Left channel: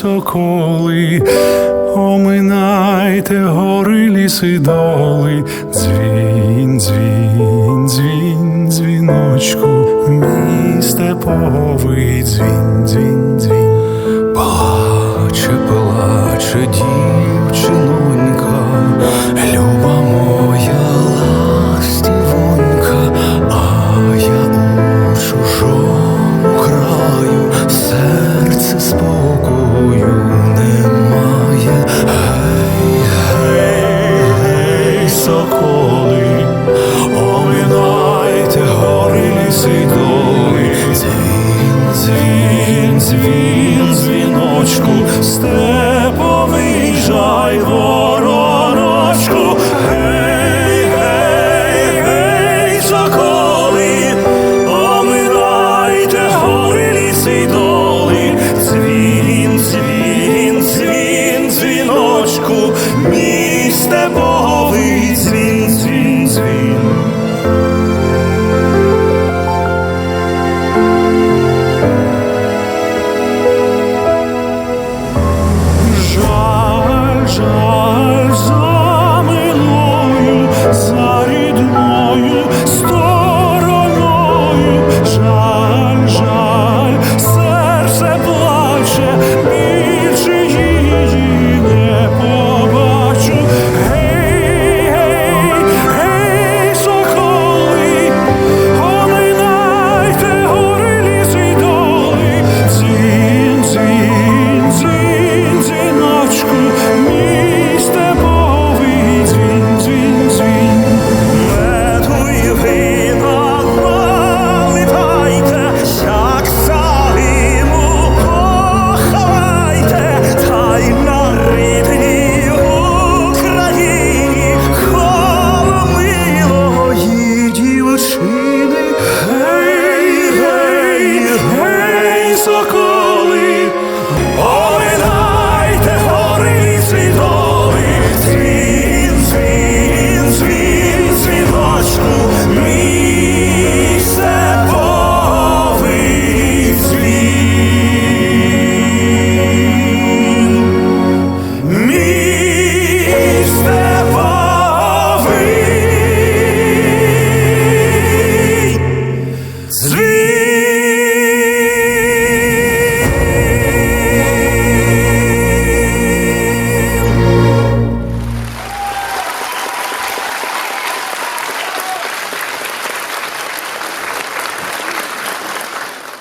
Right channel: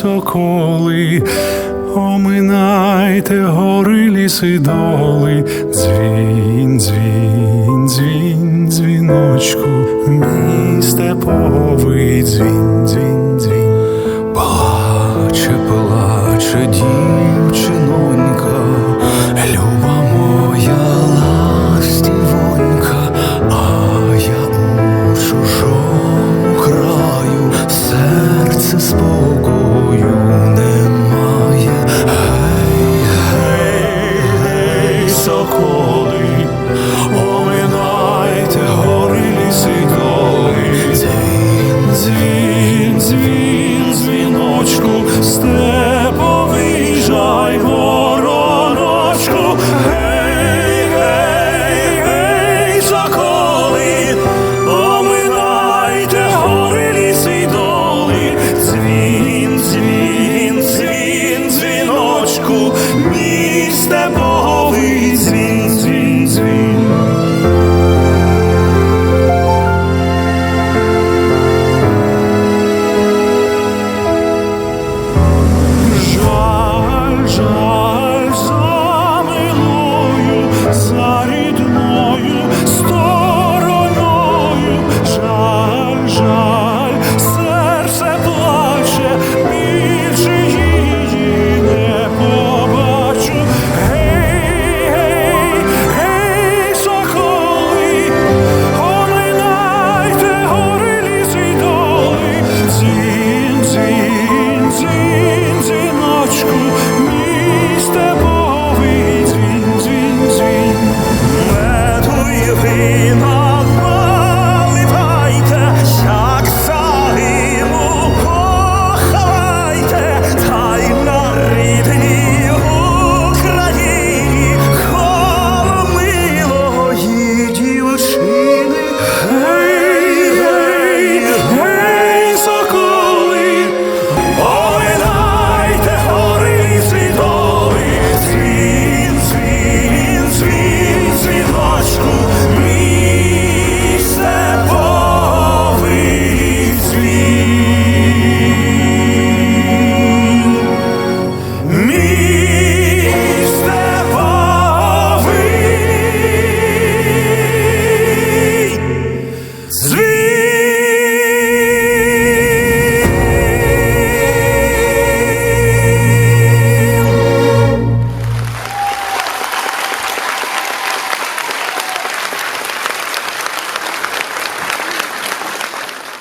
соколи. Оминайте гори, ліси, доли, дзвін, дзвін, дзвін, дзвіночку, мій степовий дзвін, дзвін, дзвін. Плаче, плаче дівчинонька, люба моя ластівонька, а я у чужому серце спокою оминайте гори, ліси, й доли, дзвін, дзвін, дзвін, дзвіночку, степовий жай, вороночку, гей, гей, гей, соколи, Жаль, за милою, за рідною стороною, жаль, жаль, серце плаче,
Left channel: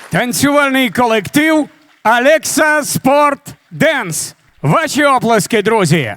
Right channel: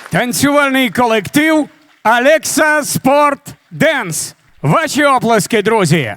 Танцювальний колектив Алекса Спорт Денс. Ваші оплески, друзі.